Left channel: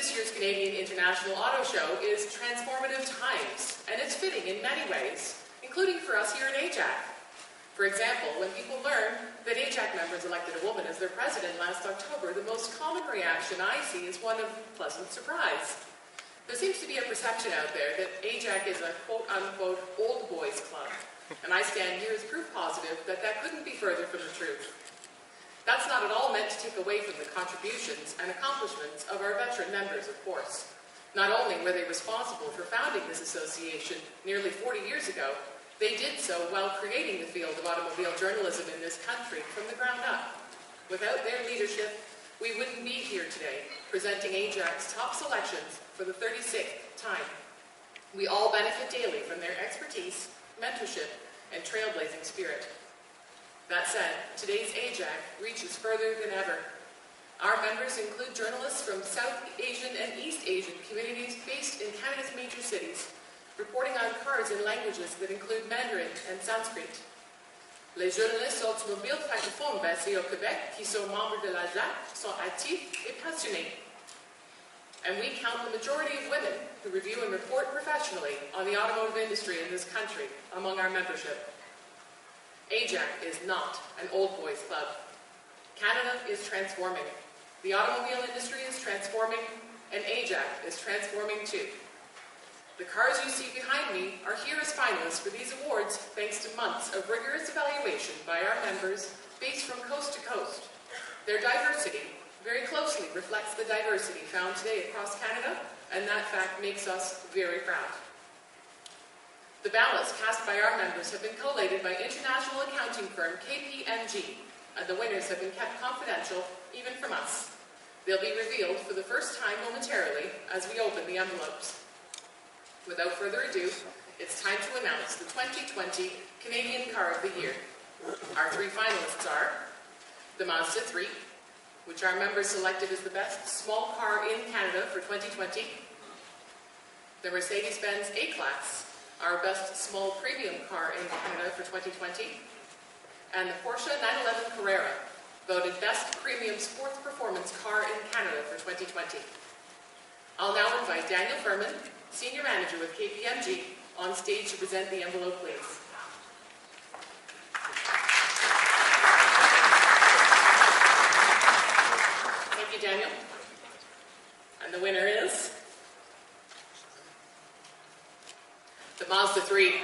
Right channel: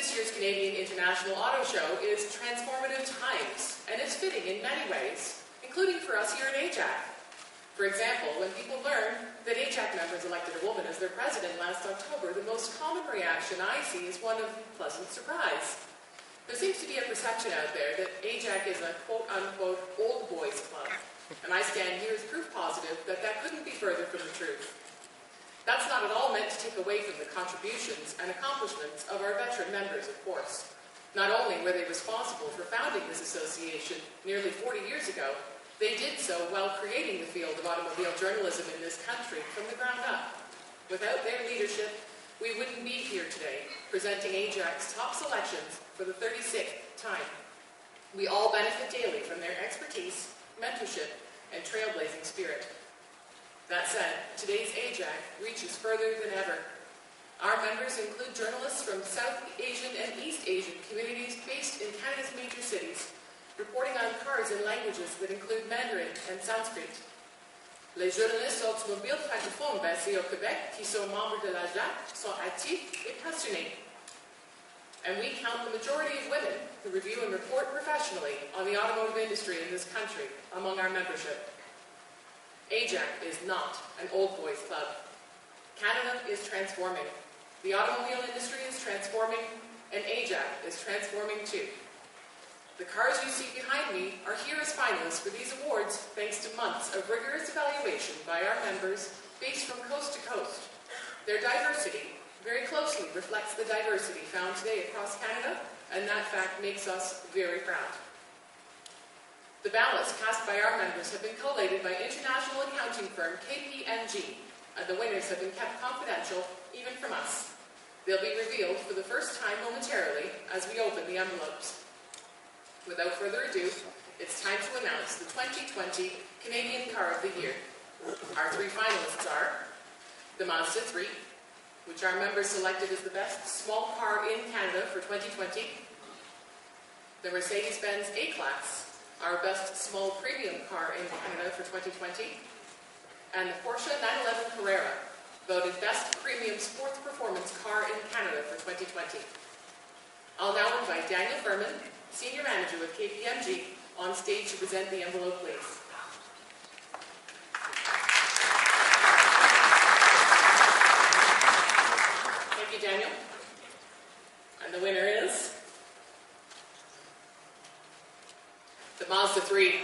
this year's Canadian International Auto Show is Transformative Times, and it's fitting in many ways, including for us here at Ajac. For example, when people learn that Ajac members elected a woman as their president last October, the most common reaction I see is one of pleasant surprise. There seems to be a perception out there that Ajac is a quote-unquote old boys club, and I stand here as proof positive that that couldn't be further from the truth. That's not at all meant to take away from the contributions and accomplishments of our veteran members, of course. Not only were they responsible for founding this association nearly 40 years ago, they did so while creating the field of automobile journalism in this country from the ground up. Without their leadership, we wouldn't be here today, presenting Ajac's top selections for the 36th time. We all benefit daily from their expertise, mentorship, and trailblazing spirit. That said, today's Ajac reaches further than ever. Our members include journalists from South Asian and East Asian communities based in Canada's major cities, reporting on cars in languages that include Mandarin and Sanskrit. Les journalistes automobiles francophones basés au Québec qui sont membres de l'Ajac sont actifs et passionnés. And we count the majority of women who review and report professionally on the automotive industry in this country among our membership. Ajac is not an old boys club. Canada is transforming. The automobile industry is transforming, and Ajac is transforming too. The cars you see behind me are here as finalists for these awards thanks to months of rigorous evaluation by our members based from coast to coast. Their diversity very closely reflects the diversity found today across Canada, and that fact makes us very proud. The ballots cast by our members have been collated by international accounting firm KPMG, and the winners have been kept confidential even from us. They'll be revealed for the first time momentarily as we open the envelopes. Without further ado, it's time to announce the 2020 Canadian Car of the Year. Our three finalists are the Mazda 3, which our members selected as the best small car in Canada for 2020, the Mercedes-Benz A-Class, our best small premium car in Canada for 2020, and the Porsche 911 Carrera, voted best premium sports performance car in Canada for 2020. I'll now invite Daniel Furman, Senior Manager with KPMG, on stage to present the envelope, please. Thank you, Daniel. And the winner is the Mazda 3.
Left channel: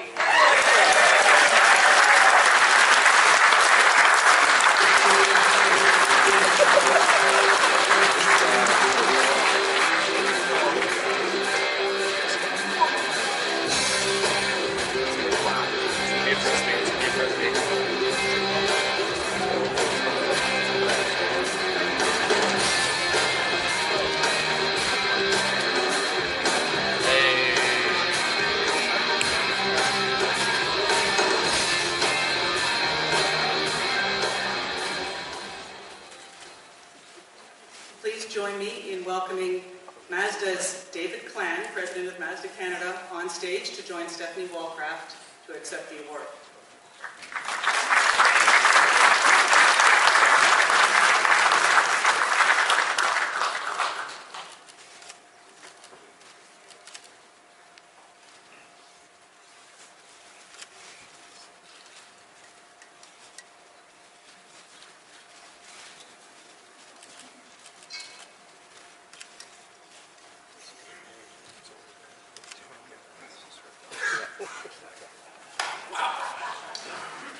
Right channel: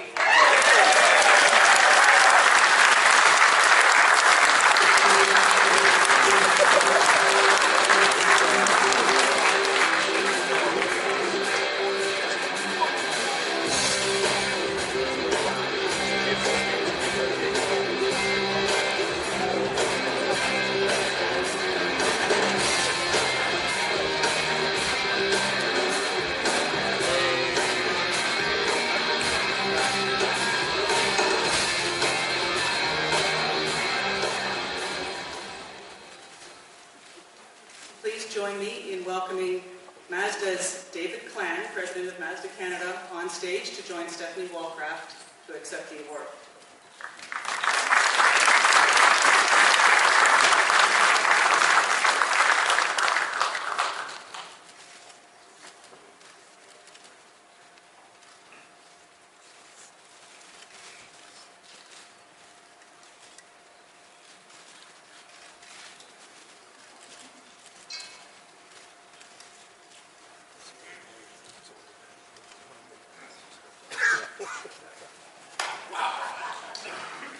Join me in welcoming Mazda's David Clan, President of Mazda Canada, on stage to join Stephanie Walcraft to accept the award.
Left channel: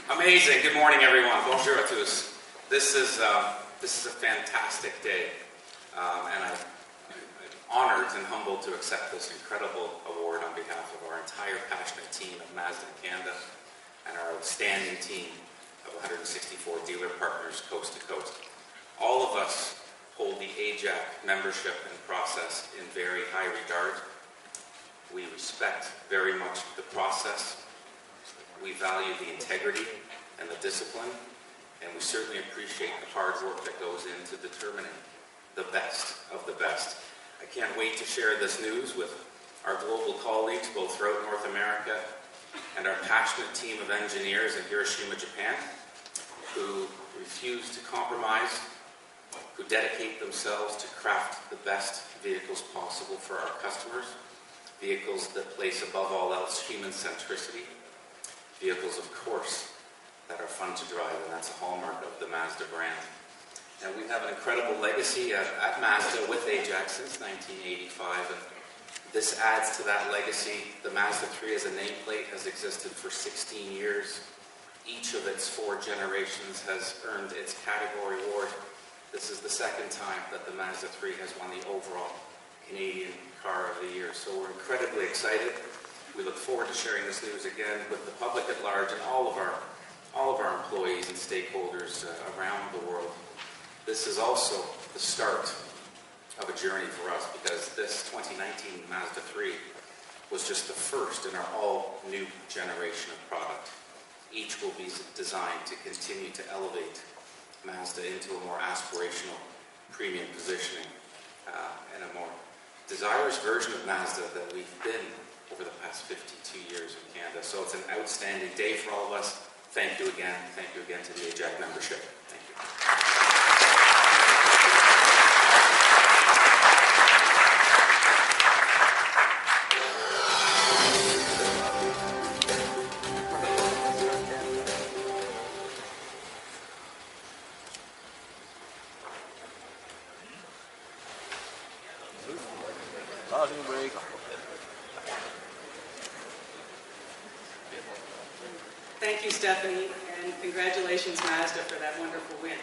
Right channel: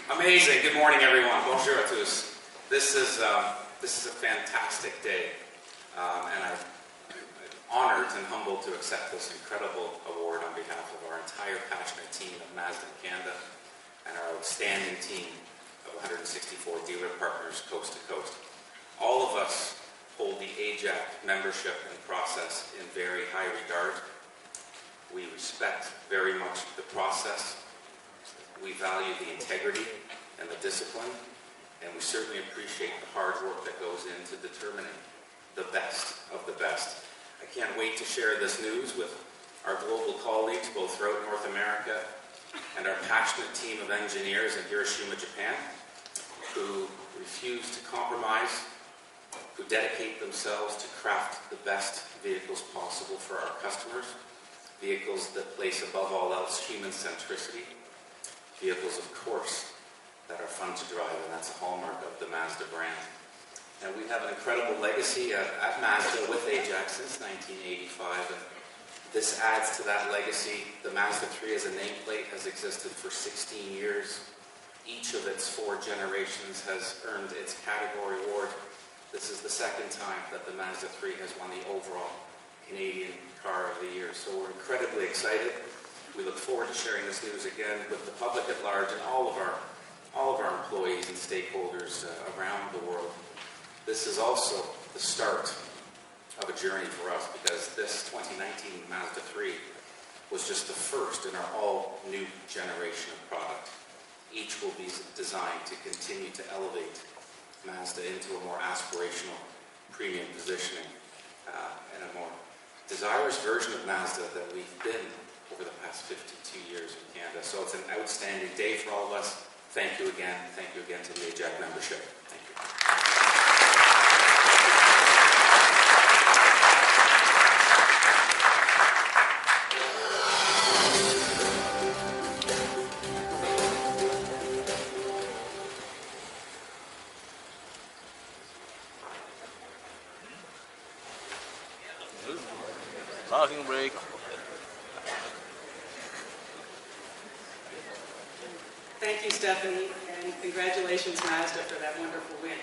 Amazing. Good morning, everyone. Bonjour à tous. This is a fantastic day, and I'm honored and humbled to accept this incredible award on behalf of our entire passionate team at Mazda Canada and our outstanding team of 164 dealer partners coast to coast. All of us hold the Ajac membership and process in very high regard. We respect very much the process. We value the integrity and the discipline, and we certainly appreciate the hard work that goes into determining the best of the best. I can't wait to share this news with our global colleagues, both throughout North America, and our passionate team of engineers in Hiroshima, Japan, who refuse to compromise who dedicate themselves to craft the best vehicles possible for our customers, vehicles that place above all else human centricity, vehicles, of course, that are fun to drive, and that's a hallmark of the Mazda brand. And we have an incredible legacy at Mazda with Ajac since 1985, and this adds to that legacy. The Mazda 3 as a nameplate has existed for 16 years. Each of its 4 generations has earned its category award. This is the second time that the Mazda 3 has won the overall Canadian Car of the Year. So we're incredibly excited. We look forward to sharing this news again with the public at large and all of our employees and stakeholders around the world. This is also the start of a journey for us, because this 2019 Mazda 3 was just the first in our all-new generation of product. Each will be designed to continue to elevate Mazda into a more aspirational premium positioning and a more desirous version of Mazda that we've been over the past 52 years in Canada. So it's an outstanding day for all of us. Thank you again. Thank you again to the Ajac membership. Thank you. Parking brake. Thank you, Stephanie, and congratulations, Mazda, for that wonderful win.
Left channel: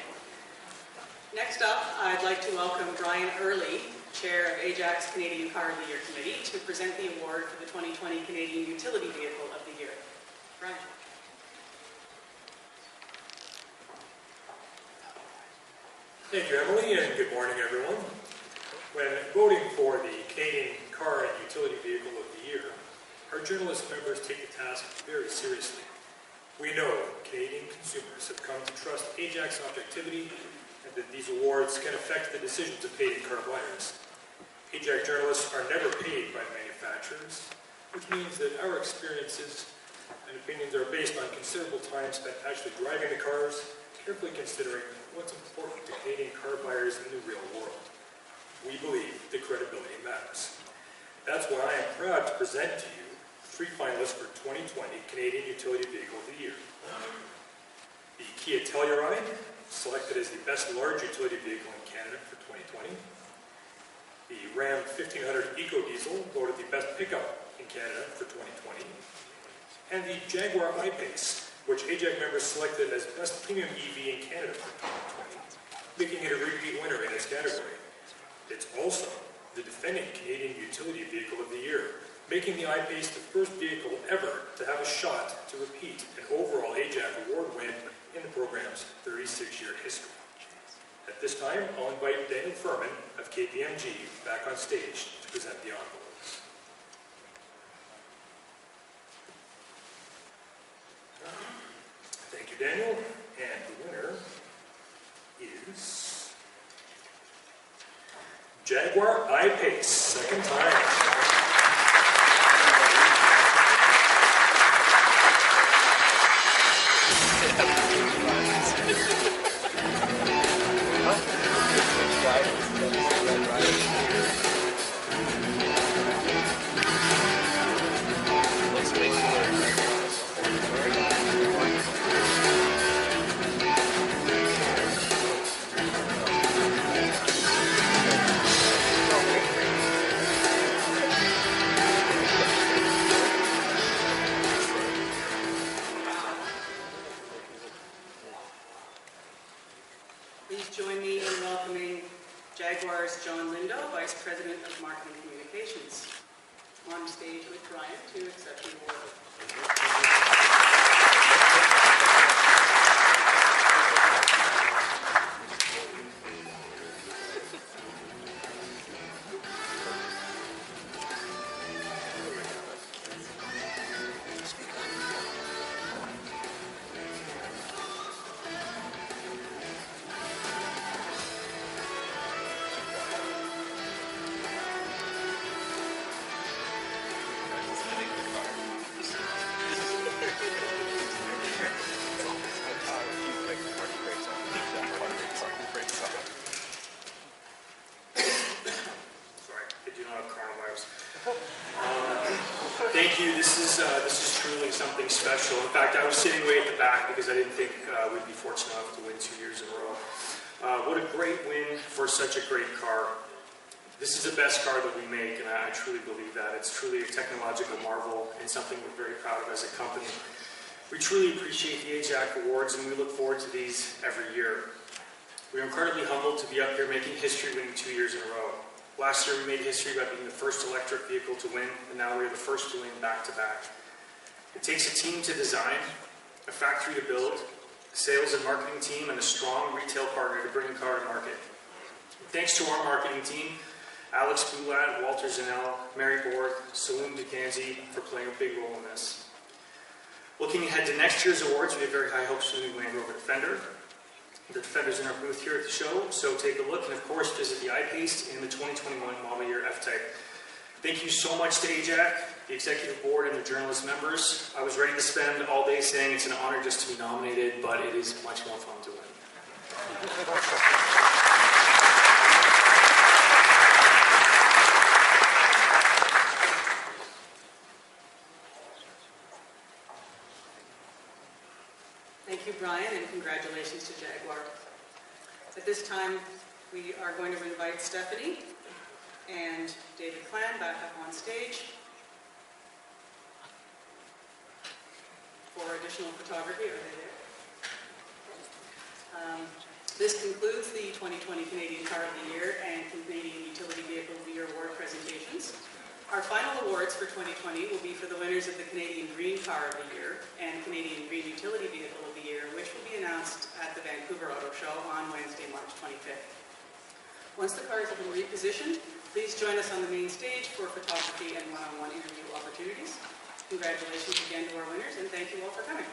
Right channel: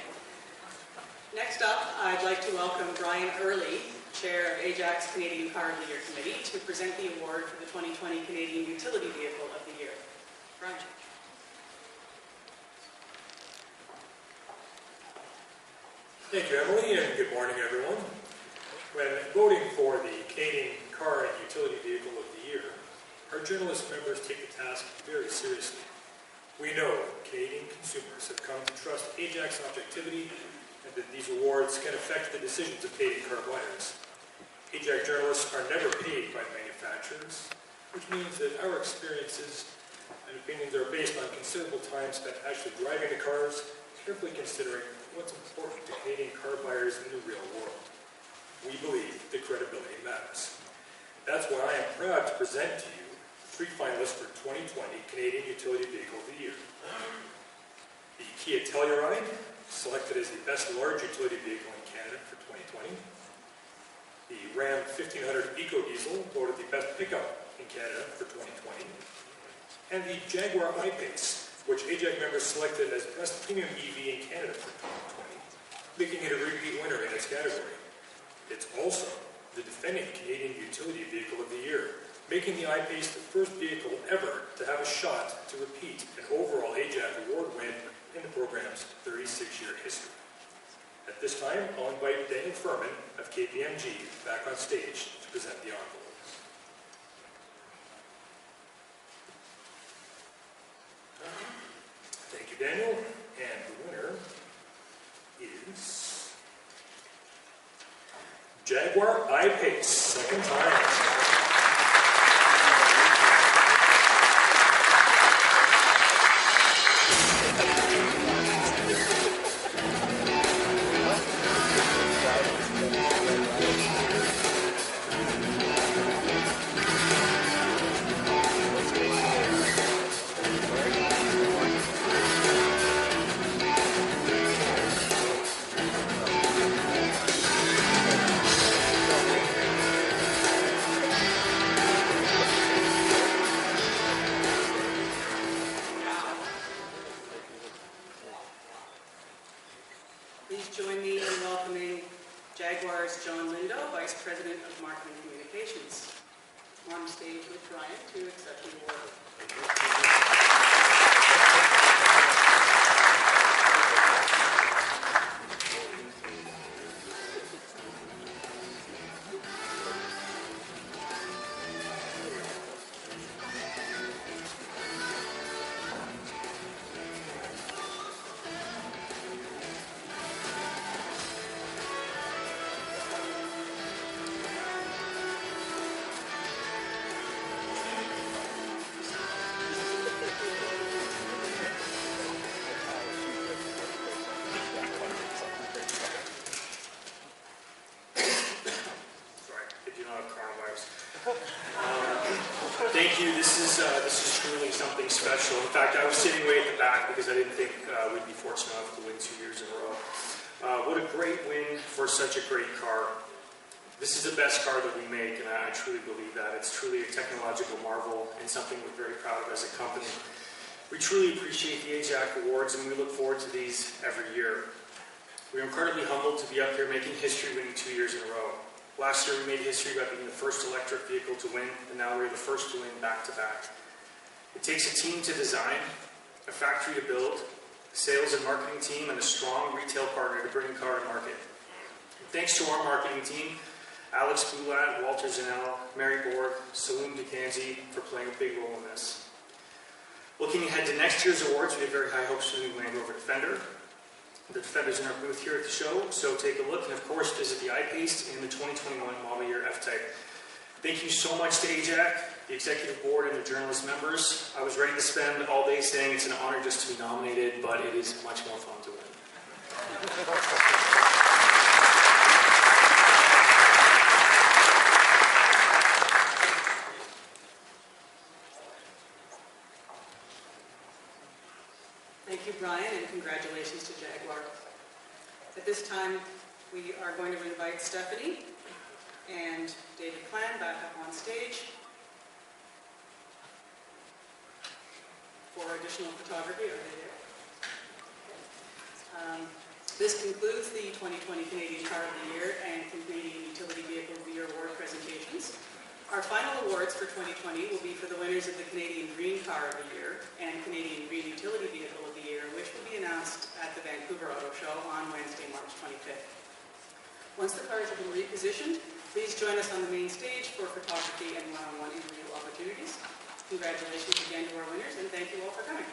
Next up, I'd like to welcome Brian Early, Chair of Ajac's Canadian Car of the Year Committee, to present the award for the 2020 Canadian Utility Vehicle of the Year. Brian. Thank you, Emily, and good morning, everyone. When voting for the Canadian Car and Utility Vehicle of the Year, our journalist members take the task very seriously. We know Canadian consumers have come to trust Ajac's objectivity and that these awards can affect the decisions of Canadian car buyers. Ajac journalists are never paid by manufacturers, which means that our experiences and opinions are based on considerable time spent actually driving the cars, carefully considering what's important to Canadian car buyers in the real world. We believe that credibility matters. That's why I am proud to present to you 3 finalists for 2020 Canadian Utility Vehicle of the Year. The Kia Telluride, selected as the best large utility vehicle in Canada for 2020. The Ram 1500 Eco-Diesel, voted the best pickup in Canada for 2020. And the Jaguar I-PACE, which Ajac members selected as best premium EV in Canada for 2020, making it a repeat winner in its category. It's also the defending Canadian Utility Vehicle of the Year, making the I-PACE the first vehicle ever to have a shot to repeat an overall Ajac award win in the program's 36-year history. At this time, I'll invite Daniel Furman of KPMG back on stage to present the envelopes. Thank you, Daniel. And the winner is Jaguar I-PACE, second time. Please join me in welcoming Jaguar's John Lindo, Vice President of Marketing Communications, on stage with Brian to accept the award. Thank you. This is truly something special. In fact, I was sitting way at the back because I didn't think we'd be fortunate enough to win 2 years in a row. What a great win for such a great car. This is the best car that we make, and I truly believe that. It's truly a technological marvel and something we're very proud of as a company. We truly appreciate the Ajac Awards, and we look forward to these every year. We're incredibly humbled to be up here making history, winning 2 years in a row. Last year we made history by being the first electric vehicle to win, and now we're the first to win back-to-back. It takes a team to design, a factory to build, a sales and marketing team, and a strong retail partner to bring a car to market. And thanks to our marketing team, Alex Boulat, Walter Zanell, Mary Borg, Saloon DeCanzi for playing a big role in this. Looking ahead to next year's awards, we have very high hopes for the new Land Rover Defender. The Defender's in our booth here at the show, so take a look and of course visit the IPACE and the 2021 model year F-Type. Thank you so much to Ajac, the executive board, and the journalist members. I was ready to spend all day saying it's an honor just to be nominated, but it is much more fun to win. Thank you, Brian, and congratulations to Jaguar. At this time, we are going to invite Stephanie and David Clan back up on stage for additional photography. Are they there? This concludes the 2020 Canadian Car of the Year and Canadian Utility Vehicle of the Year award presentations. Our final awards for 2020 will be for the winners of the Canadian Green Car of the Year and Canadian Green Utility Vehicle of the Year, which will be announced at the Vancouver Auto Show on Wednesday, March 25th. Once the cars have been repositioned, please join us on the main stage for photography and one-on-one interview opportunities. Congratulations again to our winners, and thank you all for coming.